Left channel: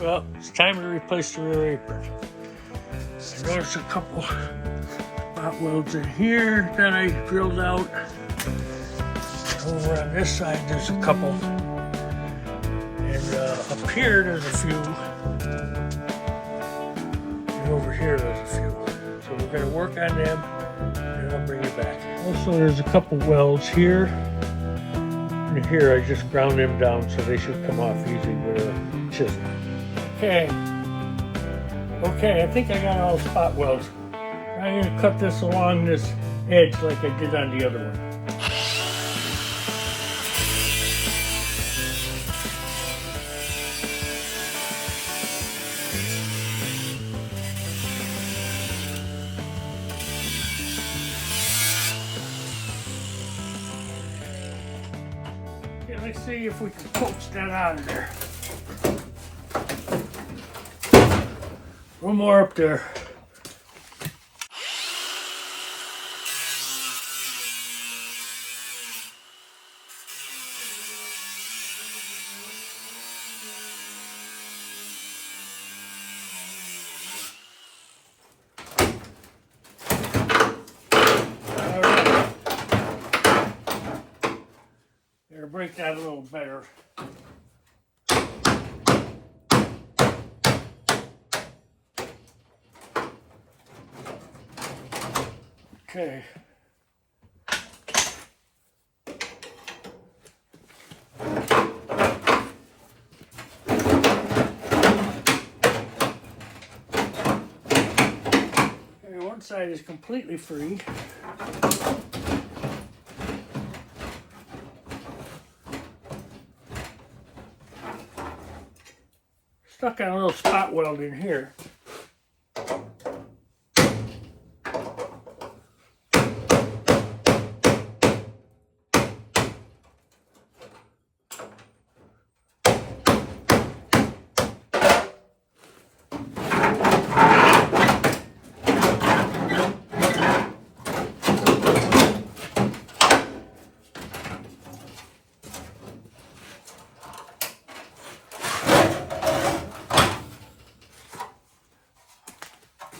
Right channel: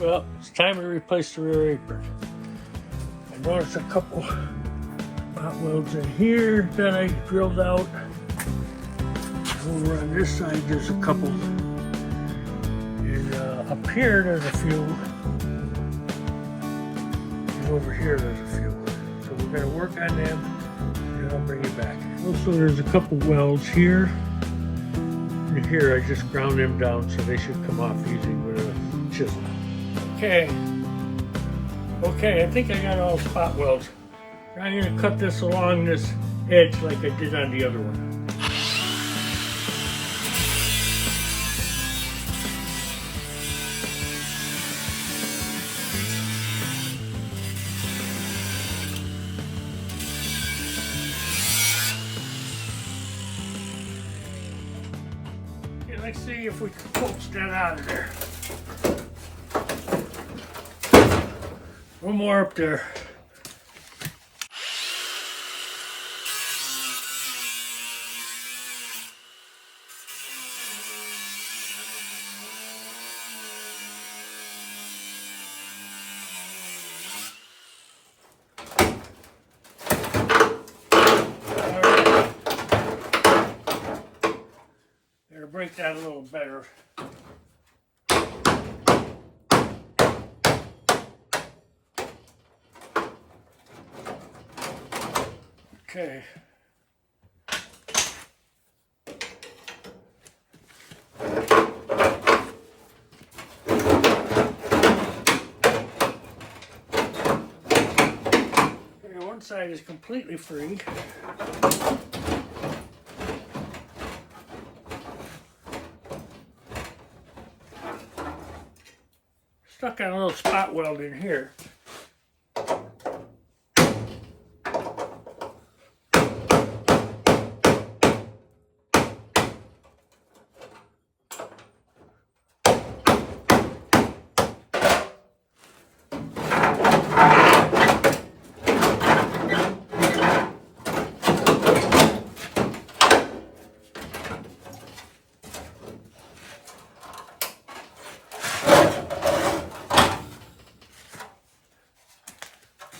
Well, it's time to replace the rear apron. I noticed a couple spot welds in here that I drilled out. Over on this side there's a couple. And up here there's a few. And over here there's a few. So we're going to work on them and I'll bring it back. Also there's a couple welds here. And here I just ground them down so they should come off easy with a chisel. Okay, I think I got all spot welds. I'm going to cut this along this edge like I did on the other one. Let's see if we can coax that out of there. A little more up there. All right. Gotta break that a little better. Okay. Okay, one side is completely free. Stuck on a little spot weld in here.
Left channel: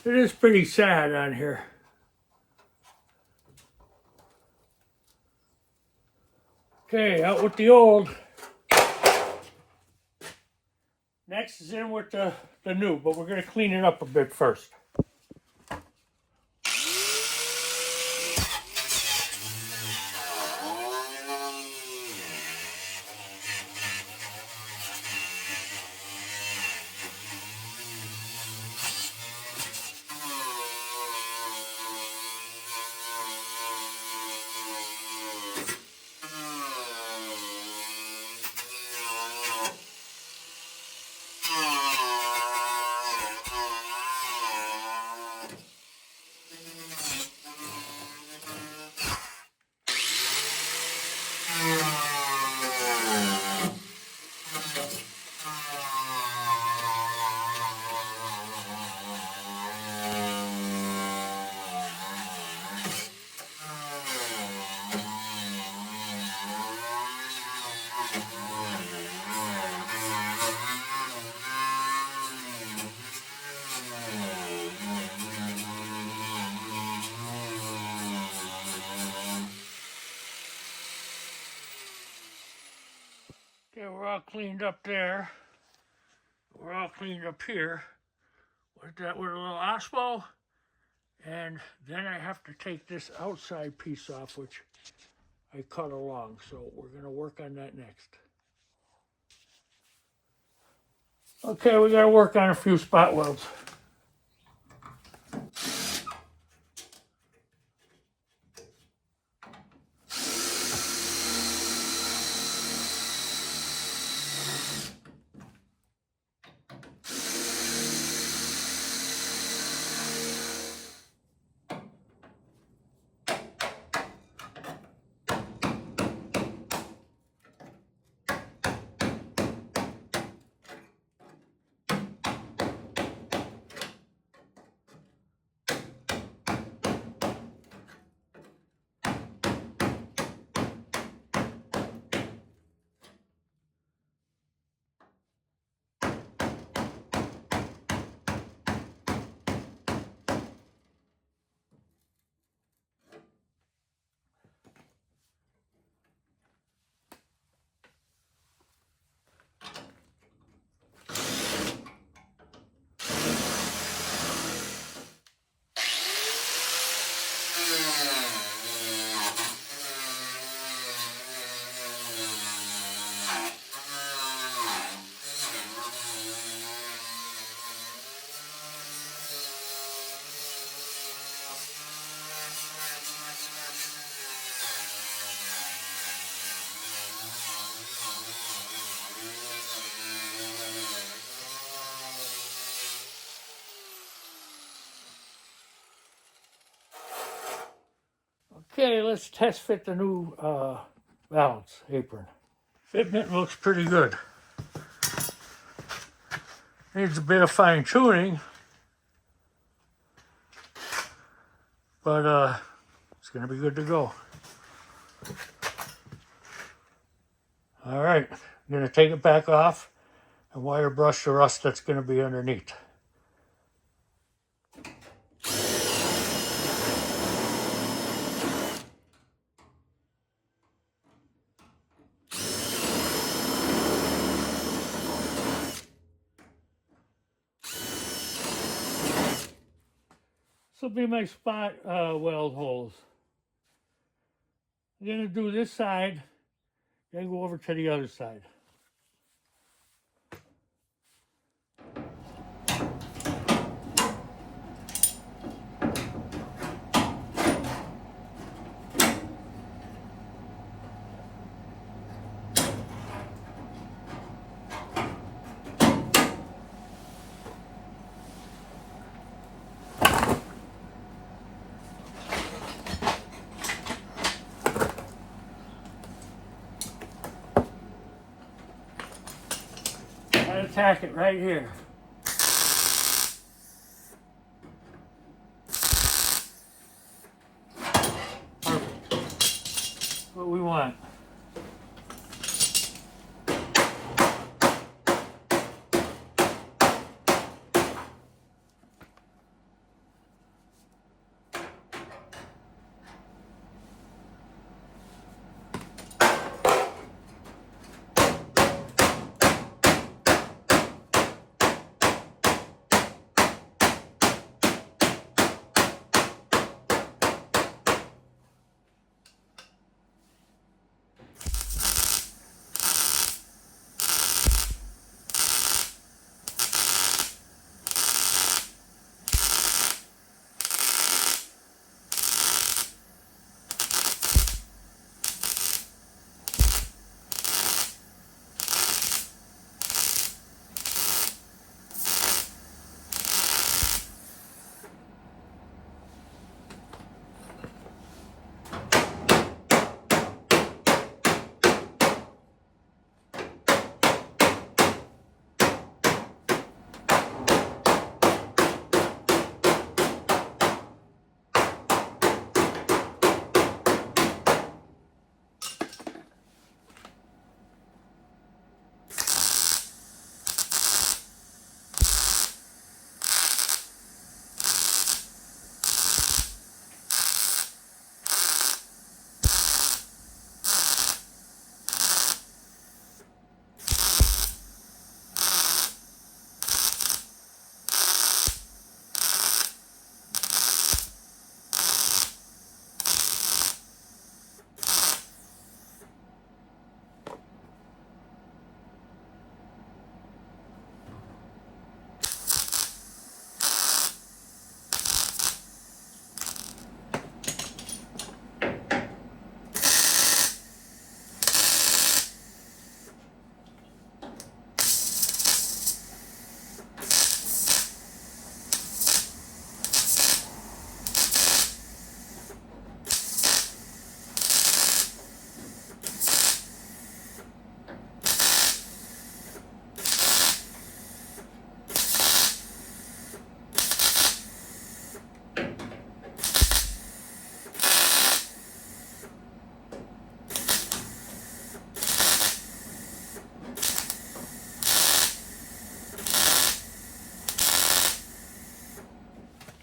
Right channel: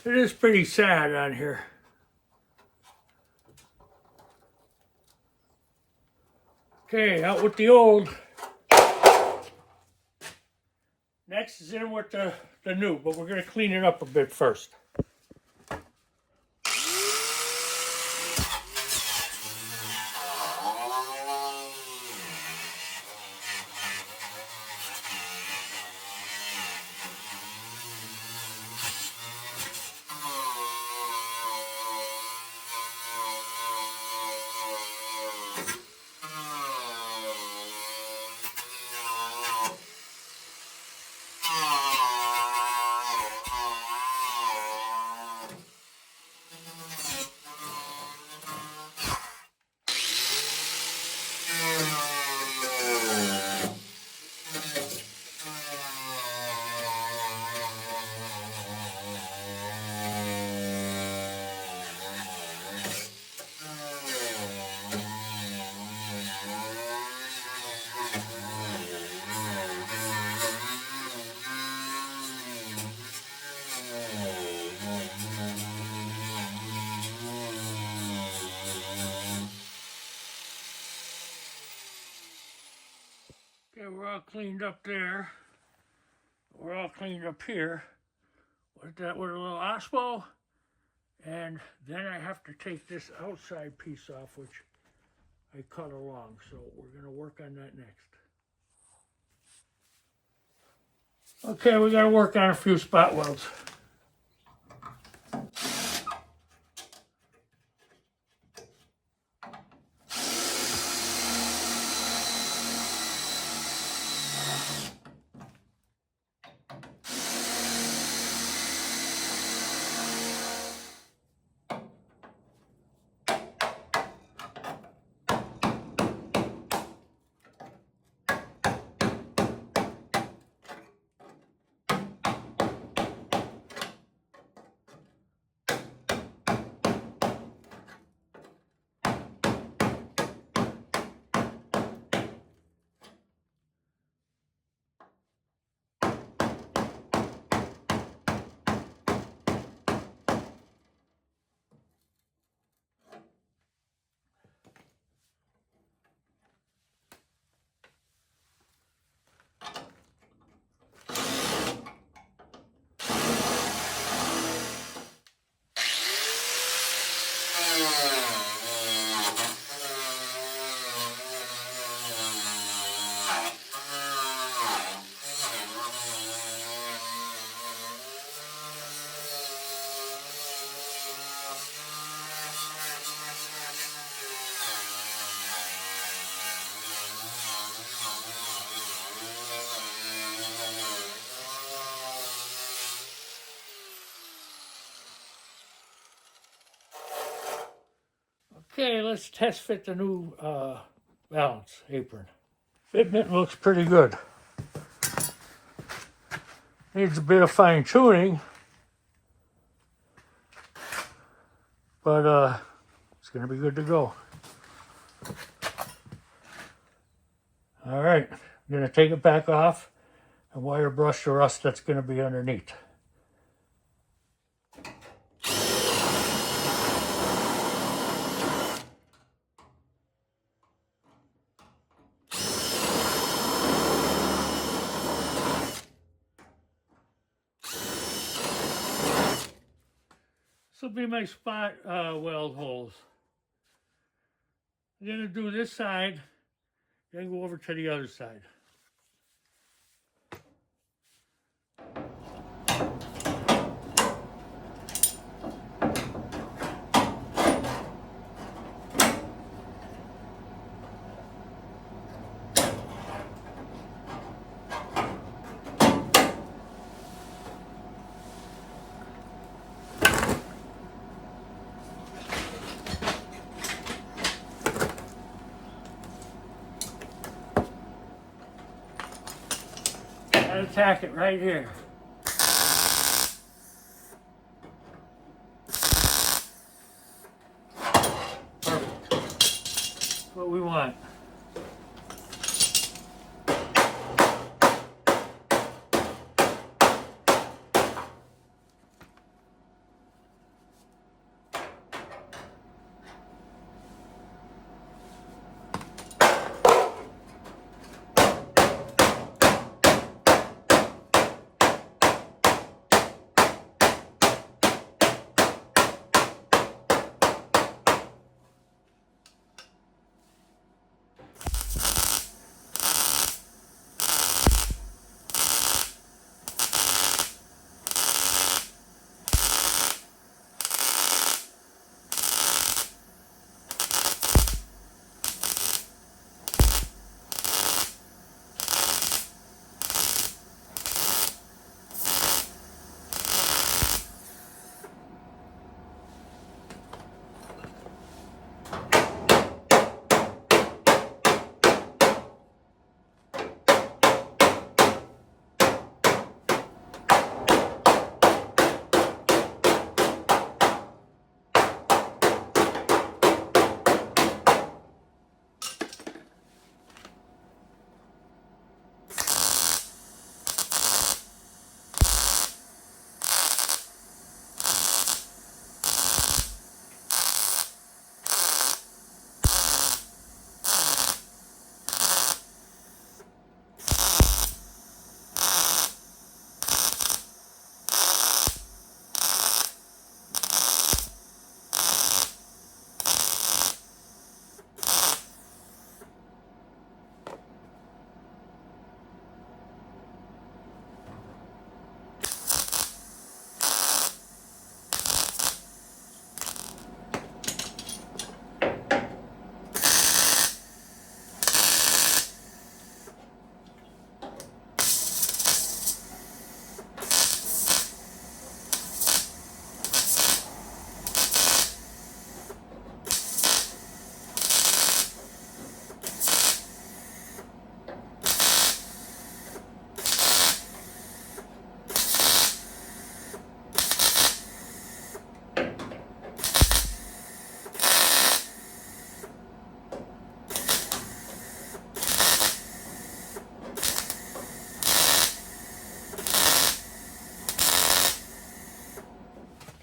It is pretty sad on here. Okay, out with the old. Next is in with the new, but we're going to clean it up a bit first. Okay, we're all cleaned up there. We're all cleaned up here. With that with a little osmo. And then I have to take this outside piece off, which I cut along. So we're going to work on that next. Okay, we got to work on a few spot welds. Okay, let's test fit the new balance apron. Fitment looks pretty good. Needs a bit of fine tuning, but it's gonna be good to go. All right, I'm gonna take it back off and wire brush the rust that's gonna be underneath. This will be my spot weld holes. I'm gonna do this side, then go over to the other side. I attack it right here. Perfect. That's what we want.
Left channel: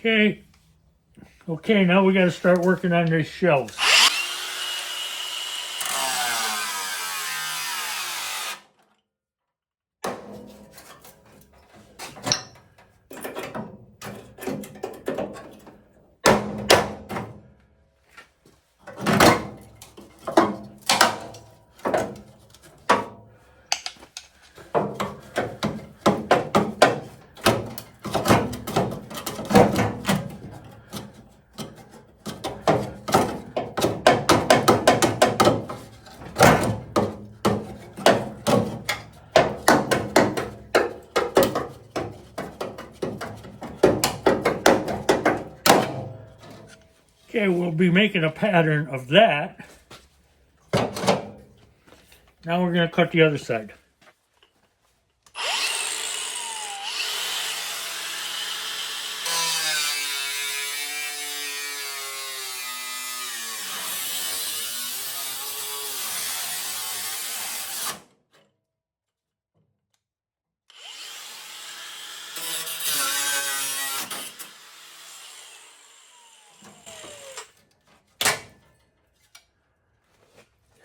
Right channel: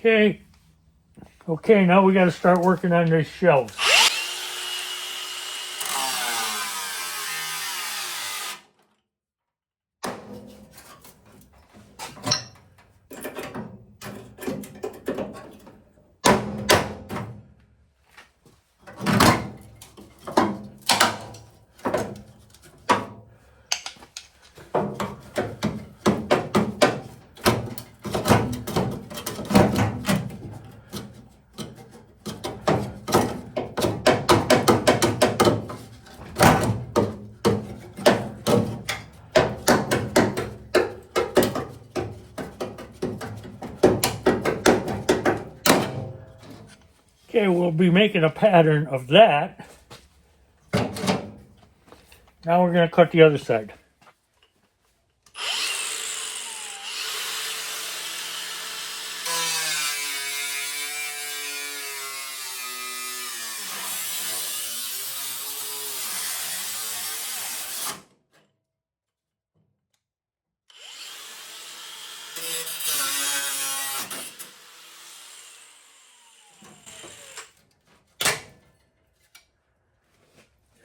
Okay. Okay, now we got to start working on these shelves. Okay, we'll be making a pattern of that. Now we're going to cut the other side.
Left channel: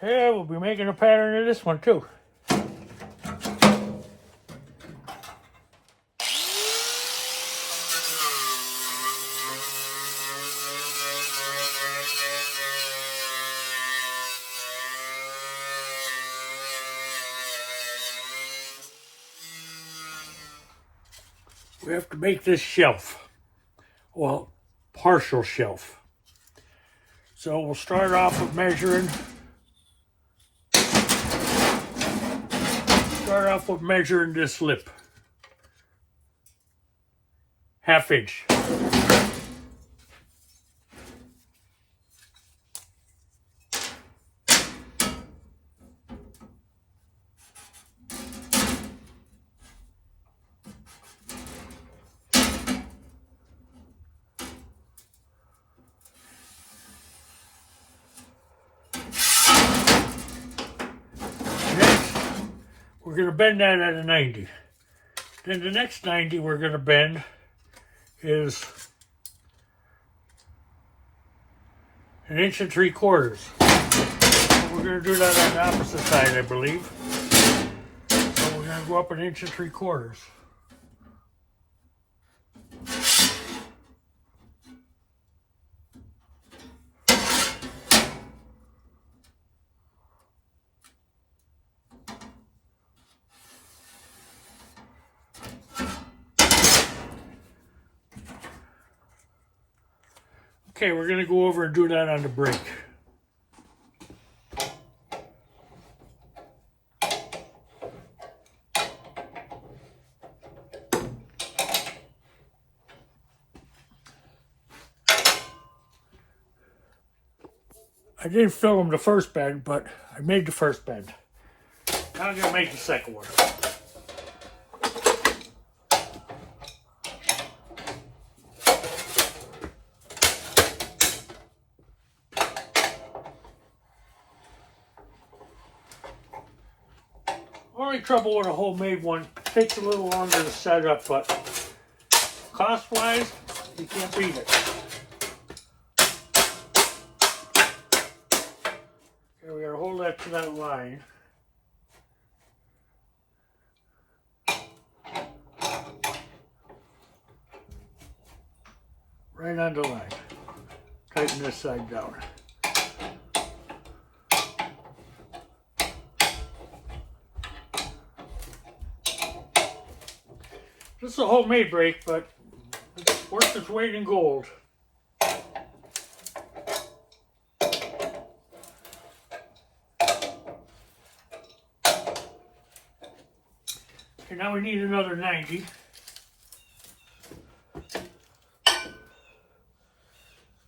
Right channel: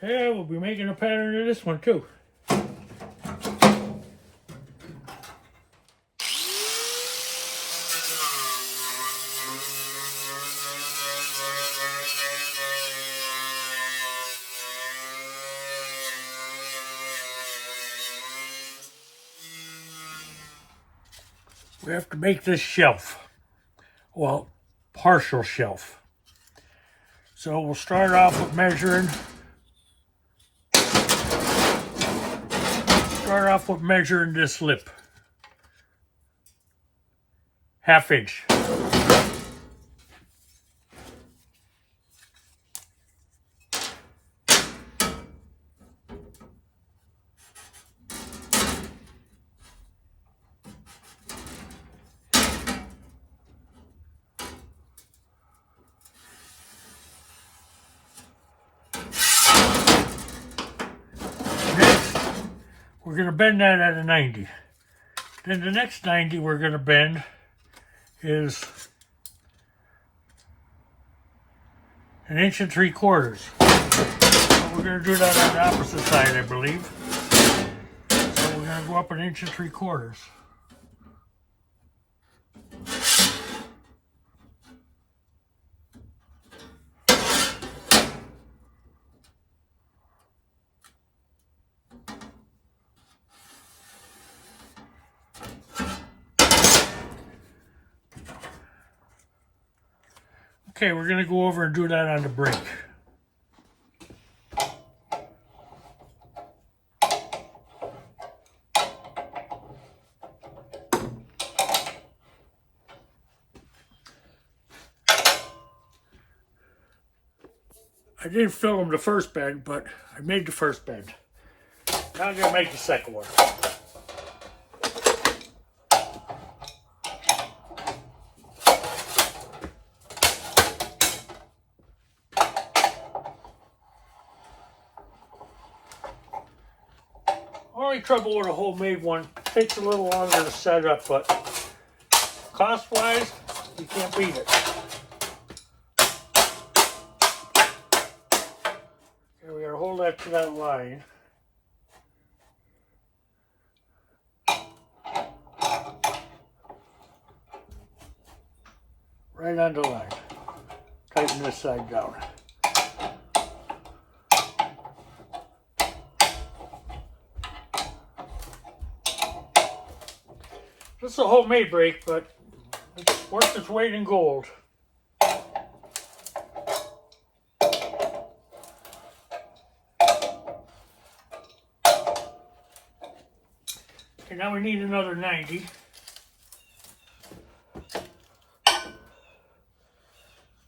Yeah, we'll be making a pattern of this one too. We have to make this shelf. Well, partial shelf. So we'll start off with measuring. Start off with measuring this lip. 1/2 inch. Next, we're going to bend that at a 90. Then the next 90 we're going to bend is 1 3/4 inches. We're going to do that on the opposite side, I believe. So we're going to go up 1 3/4 inches. Okay, we're going to go over and do that on the brake. I didn't film the first bend, but I made the first bend. Now I'm going to make the second one. Only trouble with a homemade one, it takes a little longer to set up, but cost-wise, you can't beat it. Okay, we gotta hold that to that line. Right on the line. Tighten this side down. This is a homemade brake, but it's worth its weight in gold. Okay, now we need another 90.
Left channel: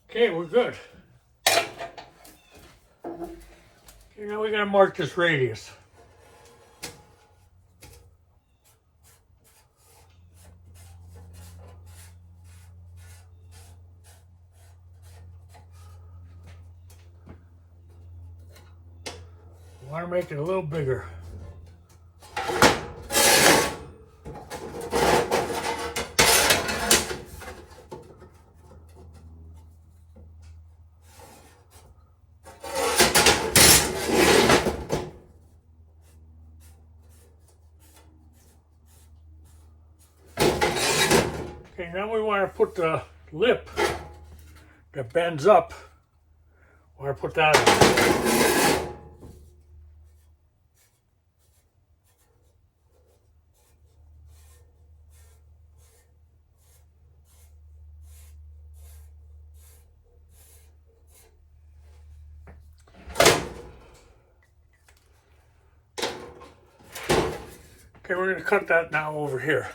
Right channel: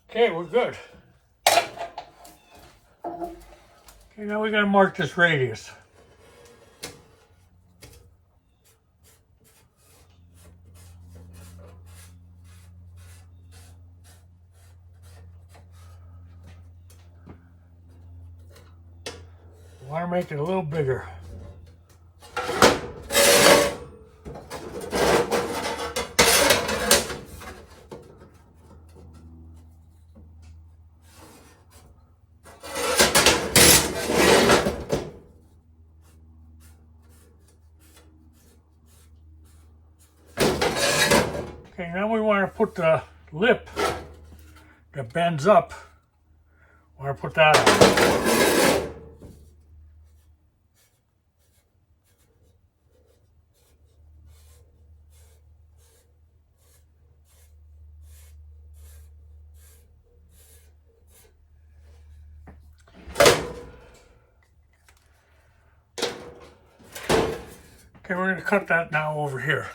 Okay, we're good. Okay, now we gotta mark this radius. I want to make it a little bigger. Okay, now we want to put the lip that bends up. I want to put that on. Okay, we're going to cut that now over here.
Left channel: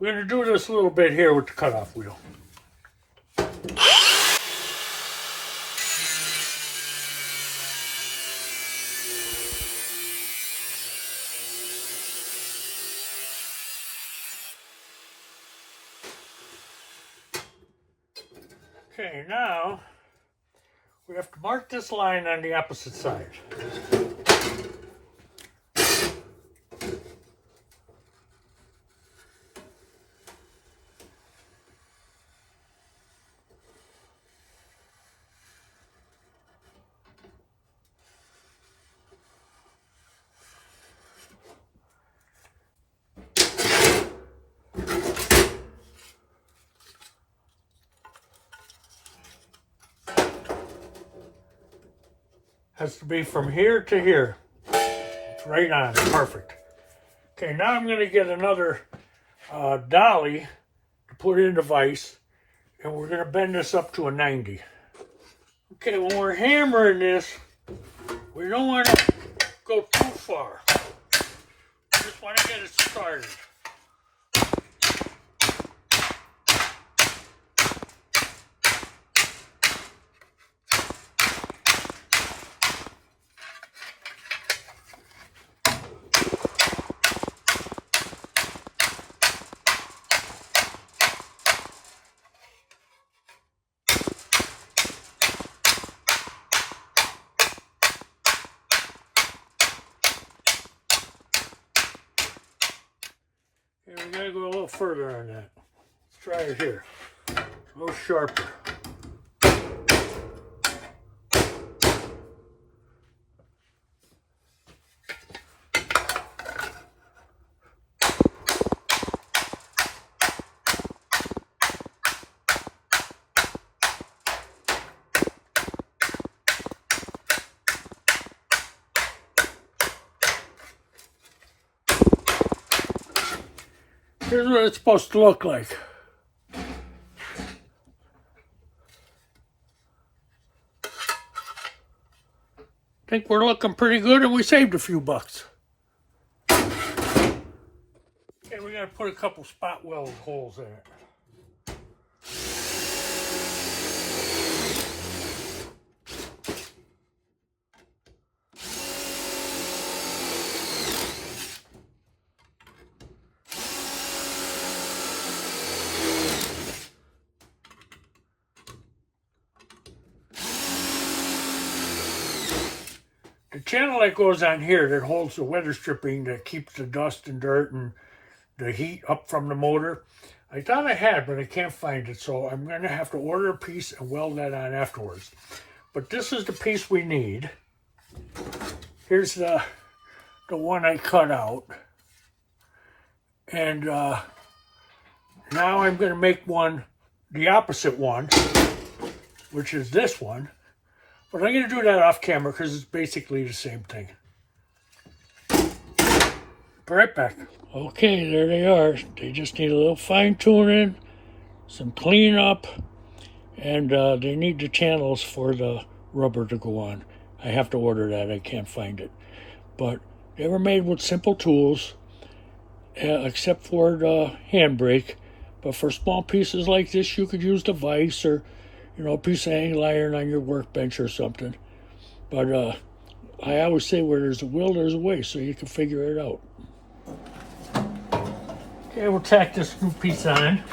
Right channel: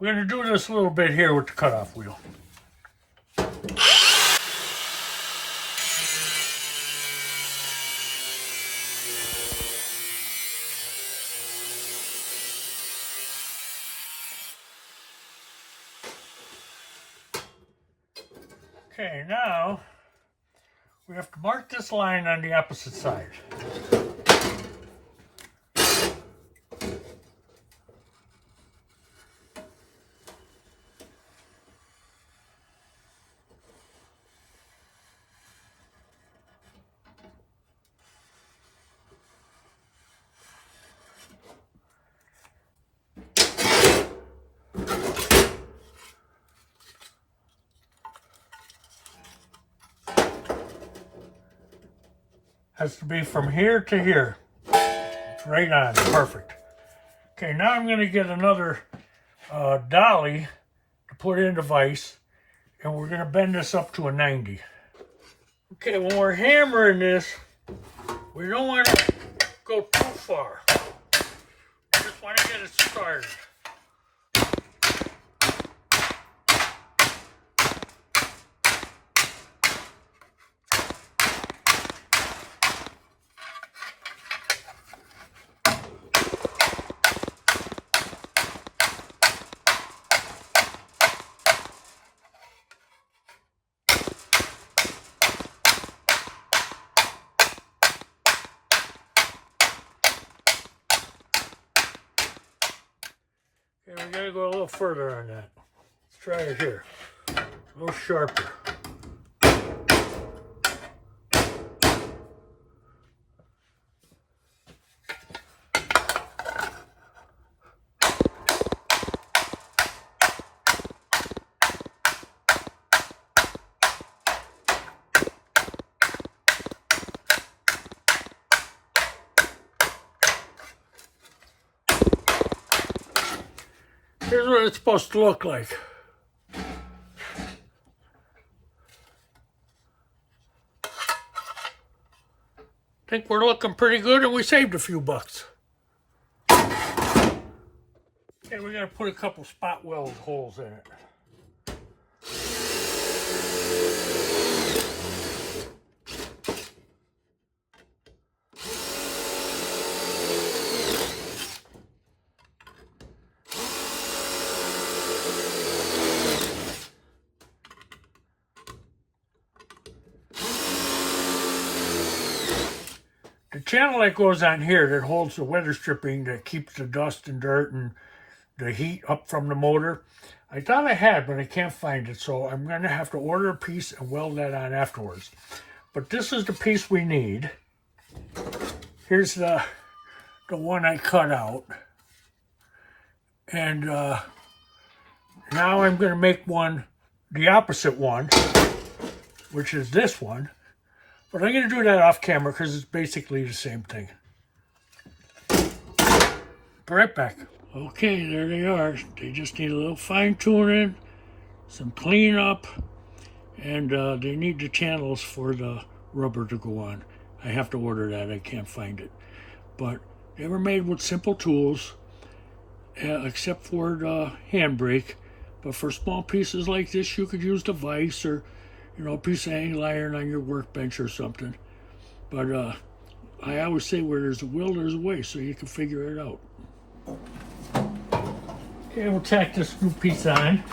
We're going to do this a little bit here with the cutoff wheel. Okay, now we have to mark this line on the opposite side. Has to be from here to here. It's right on, perfect. Okay, now I'm going to get another dolly to put in the vise, and we're going to bend this up to a 90. Okay, when we're hammering this, we don't want to go too far. We just want to get it started. Okay, we got to go a little further on that. Let's try it here. A little sharper. Here's what it's supposed to look like. I think we're looking pretty good, and we saved a few bucks. And we got to put a couple spot weld holes in it. The channel that goes on here that holds the weather stripping that keeps the dust and dirt and the heat up from the motor, I thought I had, but I can't find it, so I'm going to have to order a piece and weld that on afterwards. But this is the piece we need. Here's the one I cut out. And now I'm going to make one, the opposite one, which is this one. But I'm going to do that off camera because it's basically the same thing. Be right back. Okay, there they are. They just need a little fine tuning, some cleanup, and they need the channels for the rubber to go on. I have to order that. I can't find it. But they were made with simple tools, except for the handbrake. But for small pieces like this, you could use the vise or, you know, a piece of angle iron on your workbench or something. But I always say where there's a will, there's a way, so you can figure it out. Okay, we'll tack this new piece on.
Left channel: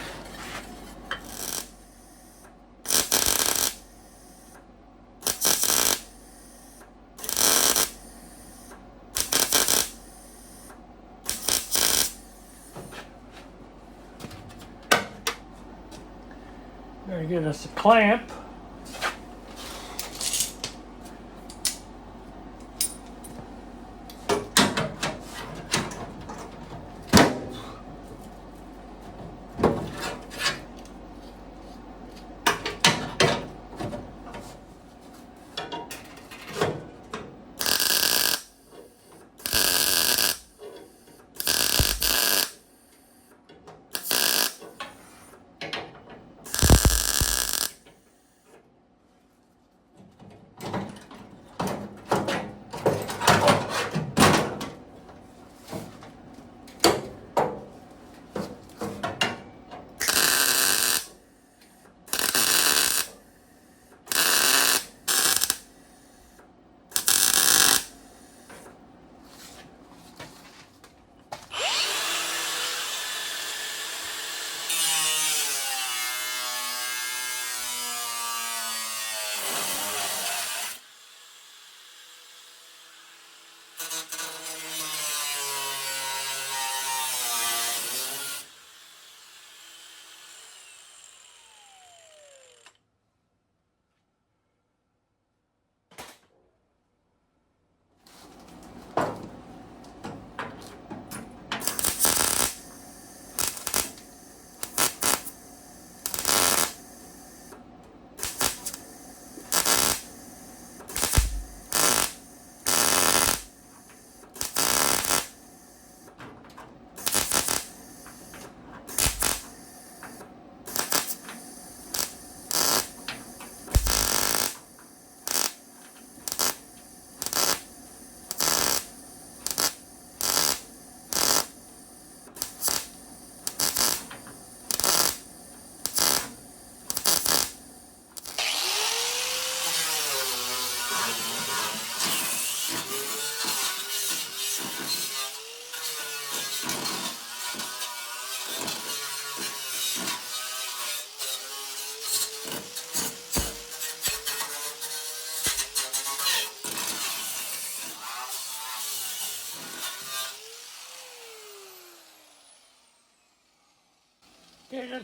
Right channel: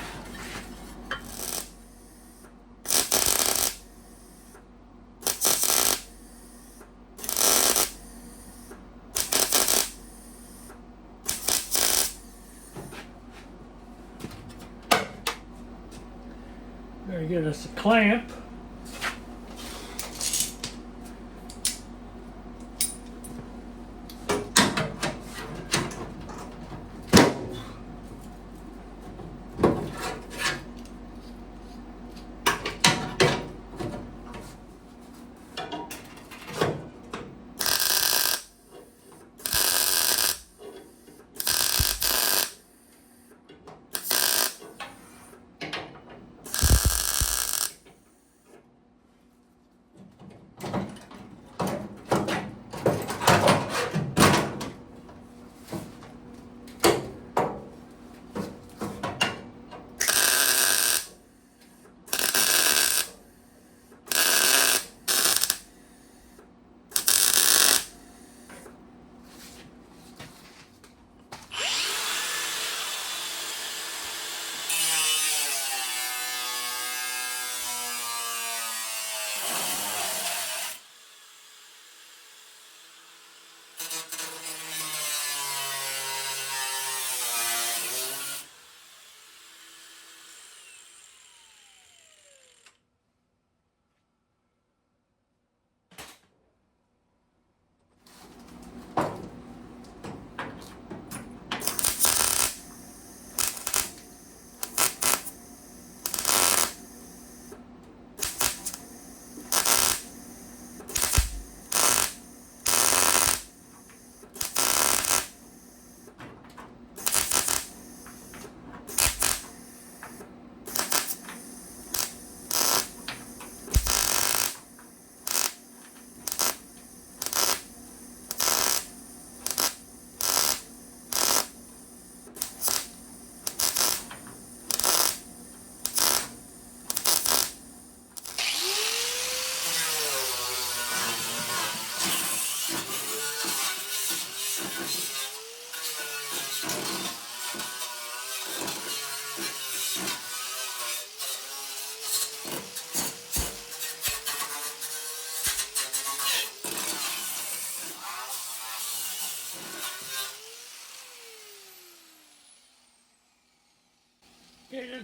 Better get us a clamp.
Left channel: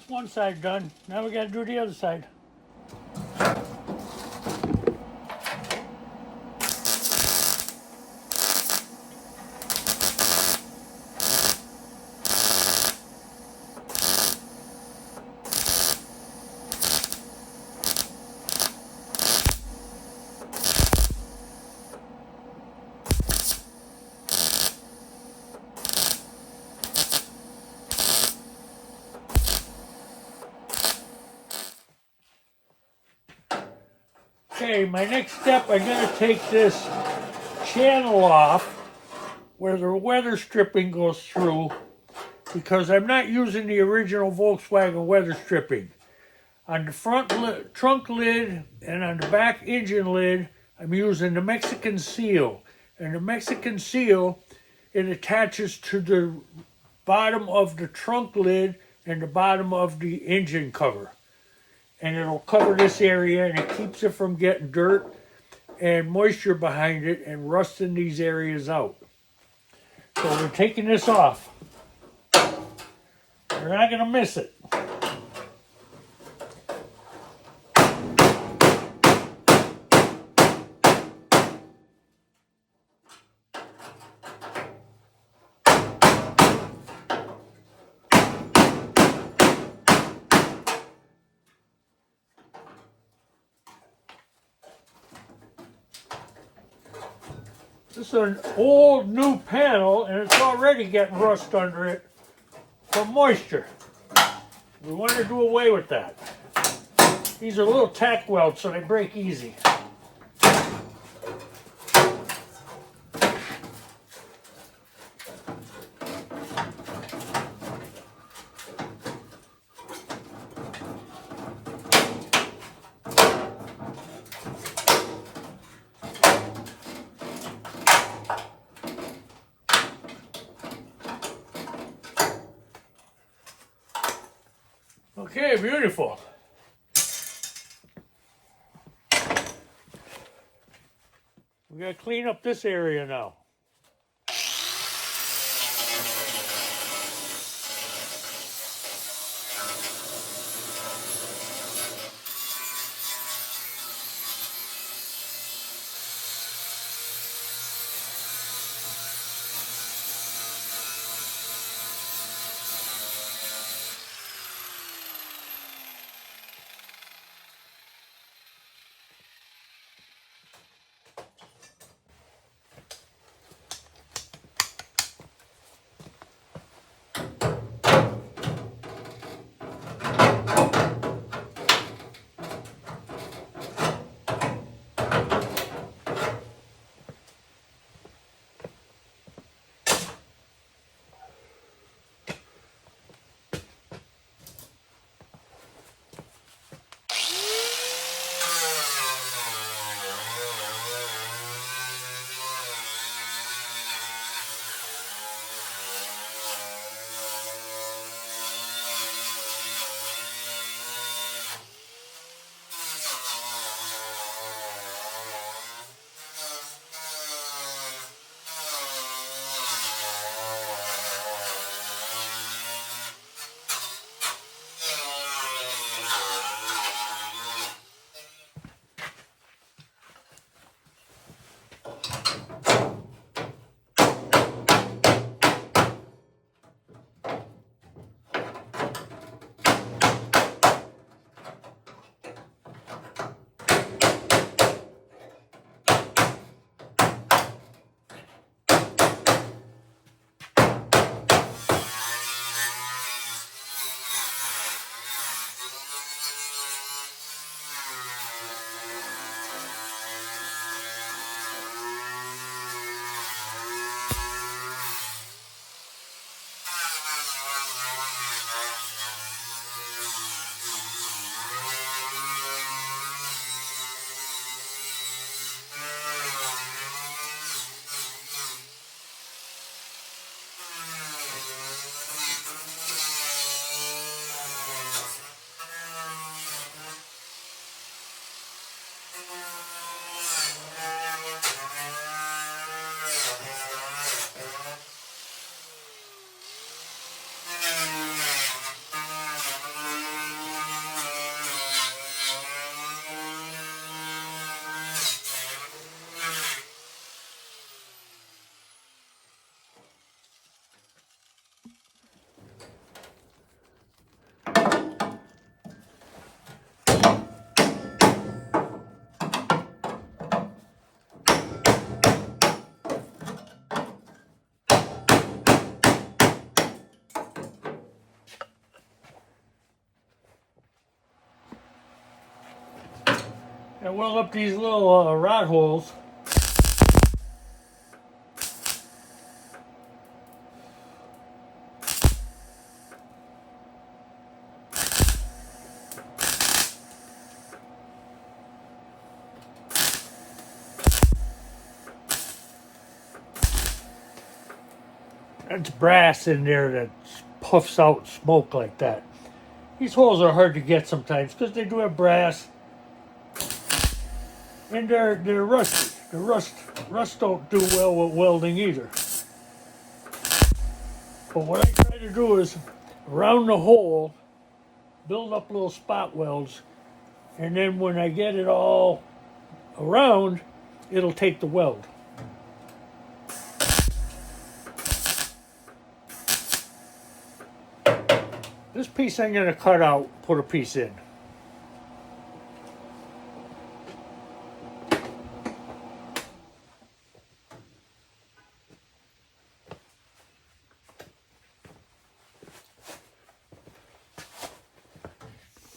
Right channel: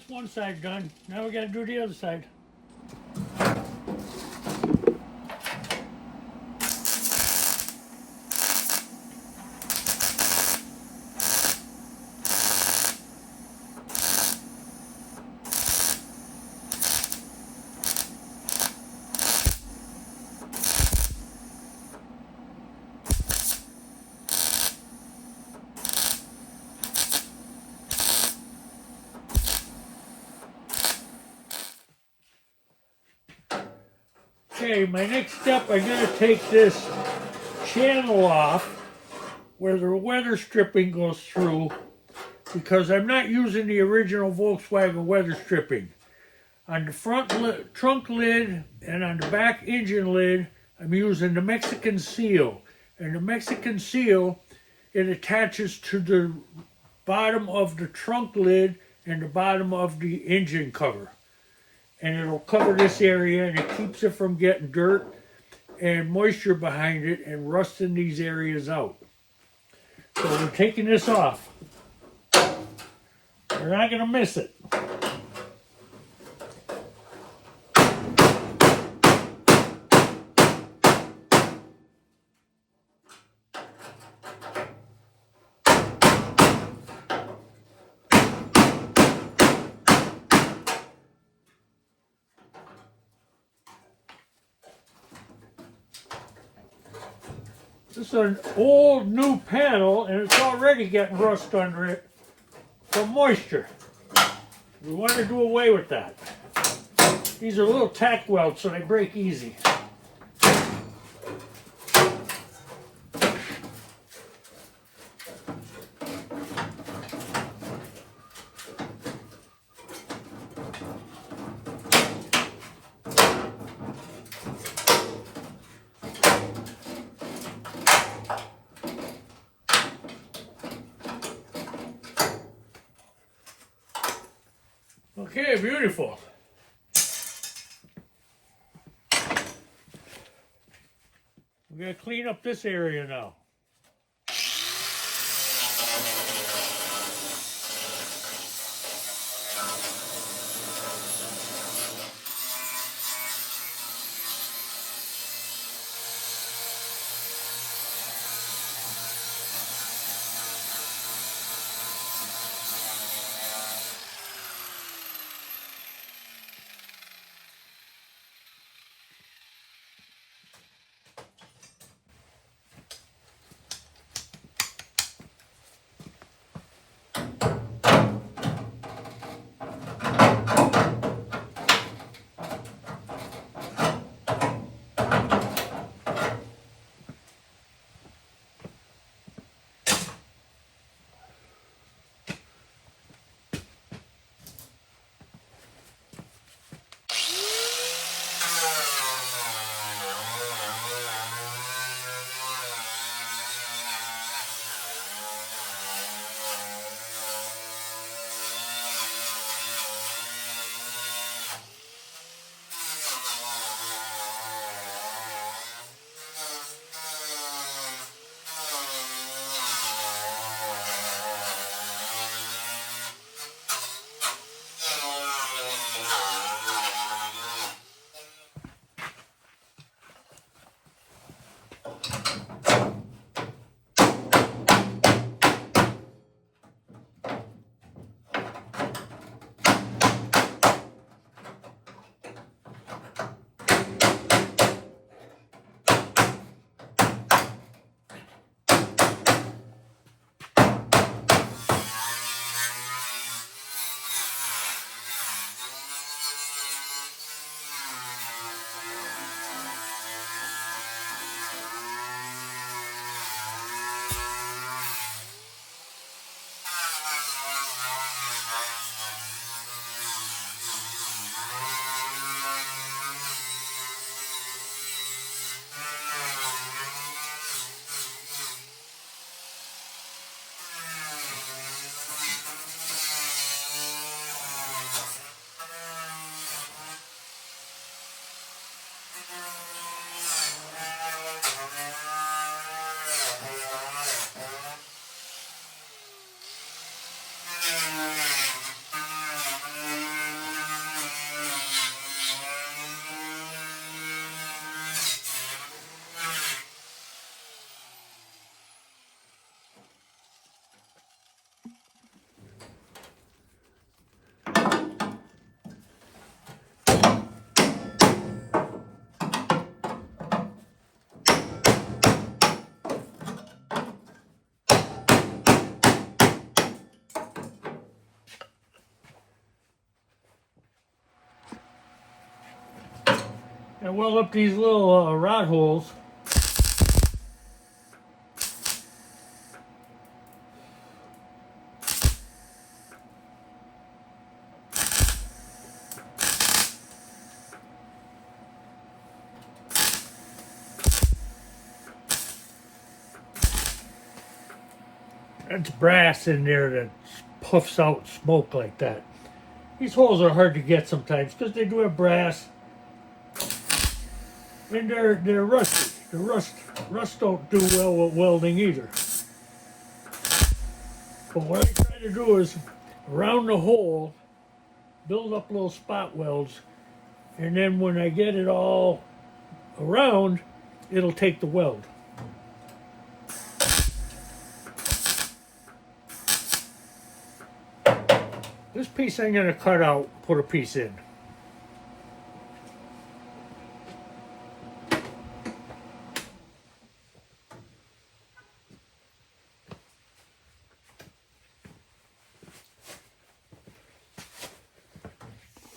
That's one side done. Now we got to do the other side. Okay, my next step, I'm going to take this channel off where the weather stripping goes through, because I'm not using the original Volkswagen weather stripping. On the front trunk lid and on the back engine lid, I'm using the Mexican seal. And the Mexican seal, it attaches to the bottom of the trunk lid and the bottom of the engine cover. And it'll cover this area, and it keeps it from getting dirt and moisture behind it and rusting these areas out. So we're taking this off. We're not going to miss it. This is an old new panel, and it's already getting rust under it from moisture. We want to do away with that. These are little tack welds, so they break easy. Okay, beautiful. We're going to clean up this area now. And weld up these little rod holes. That's brass in there that puffs out smoke like that. These holes are hard to get sometimes because they do have brass. And they're rusty. The rust don't do well with welding either. But what I try to do is around the hole, build up little spot welds, and then when I get it all around, it'll take the weld. This piece I'm going to cut out, put a piece in.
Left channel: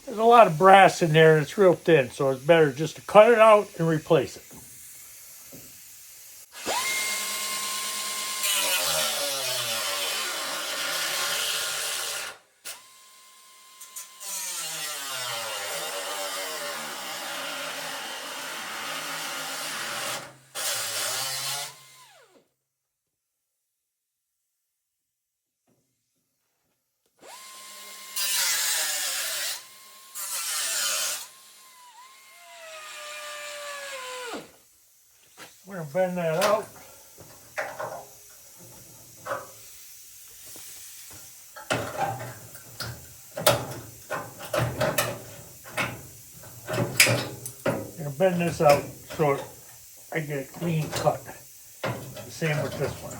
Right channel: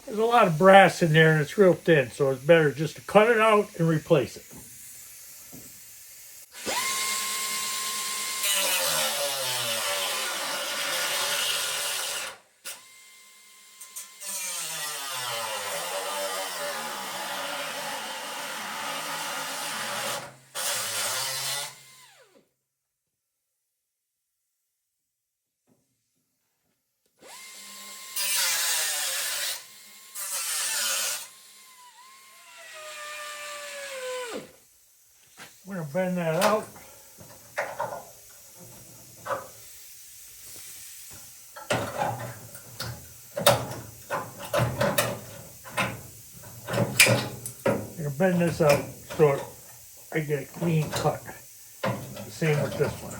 There's a lot of brass in there and it's real thin, so it's better just to cut it out and replace it. I'm going to bend that out. I'm going to bend this out so I get a clean cut. The same with this one.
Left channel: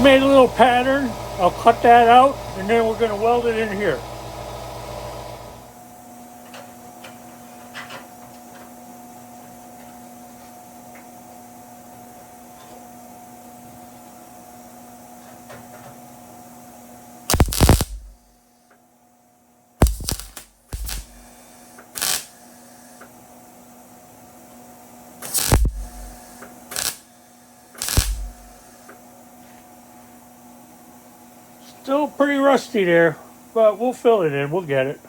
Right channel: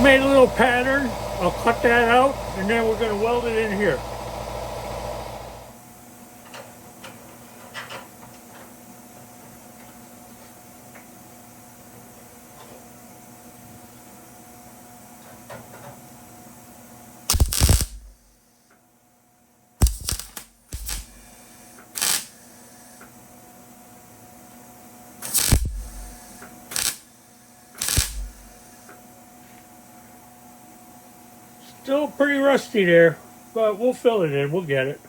Made a little pattern. I'll cut that out and then we're going to weld it in here. Still pretty rusty there, but we'll fill it in. We'll get it.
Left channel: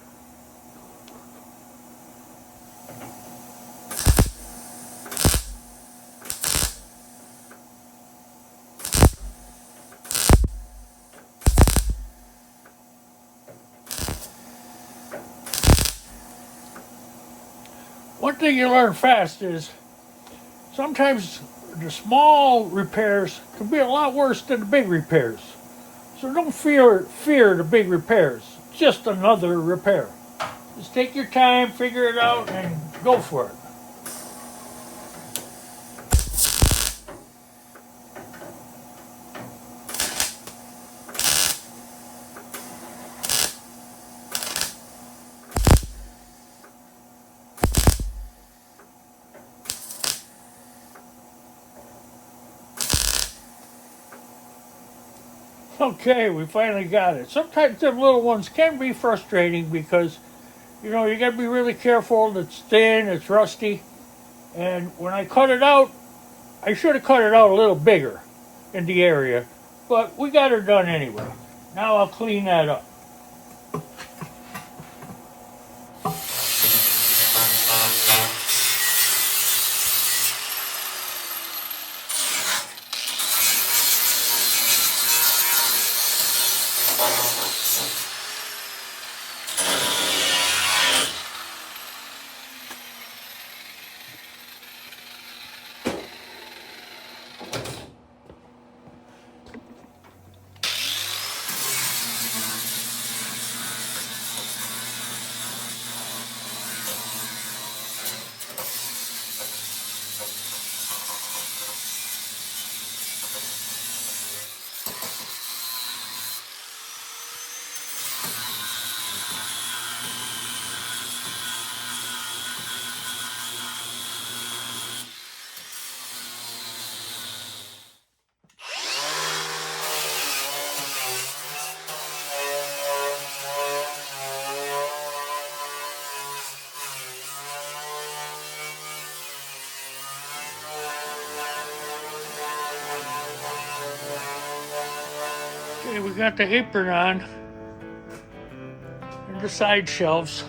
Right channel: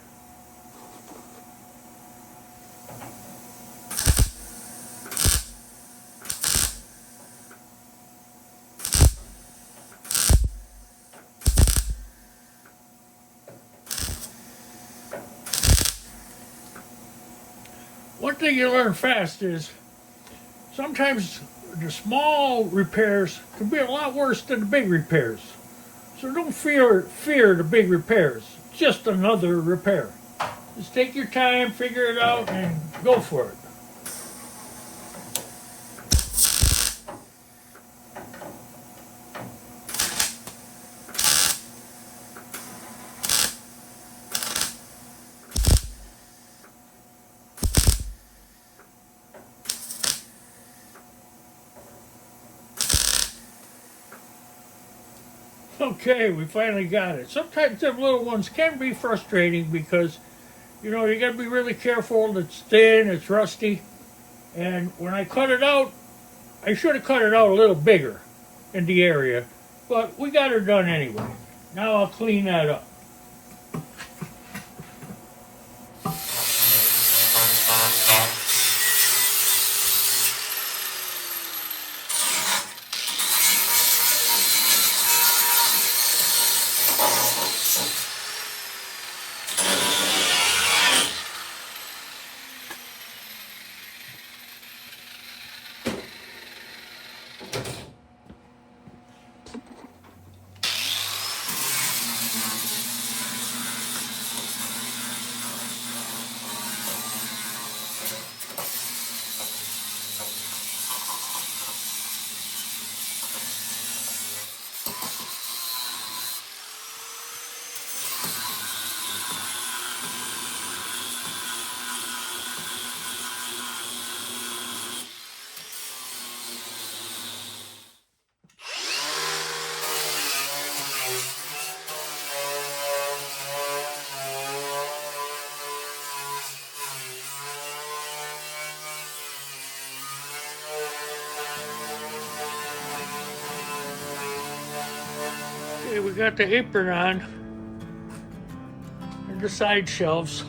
One thing you learn fast is sometimes the small repairs can be a lot worse than the big repairs. So don't fear the big repairs. It's just another repair. Just take your time, figure it out, and go for it. Okay, we finally got it. Sometimes them little ones can be frustrating because, you know, you got to be really careful. It's thin, it's rusty. And when I cut it out, I should have cut it out a little bigger in the area. But we got her done anyway. Now I'll clean that up. Okay, we got the apron on and the side shelves.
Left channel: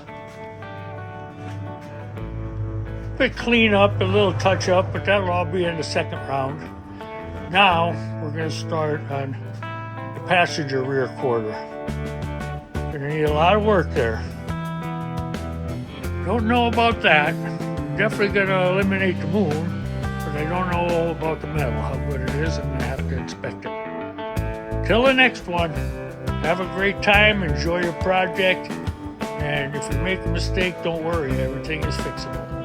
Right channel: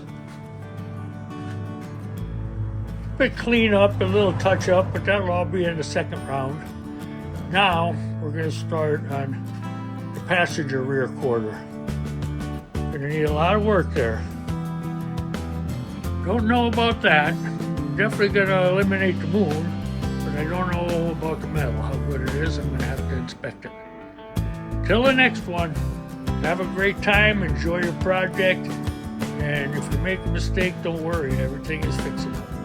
Bit clean up, a little touch up, but that'll all be in the second round. Now we're going to start on the passenger rear quarter. Going to need a lot of work there. Don't know about that. Definitely going to eliminate the moon, but I don't know about the metal, how good it is. I'm going to have to inspect it. Till the next one, have a great time, enjoy your project, and if you make a mistake, don't worry, everything is fixable.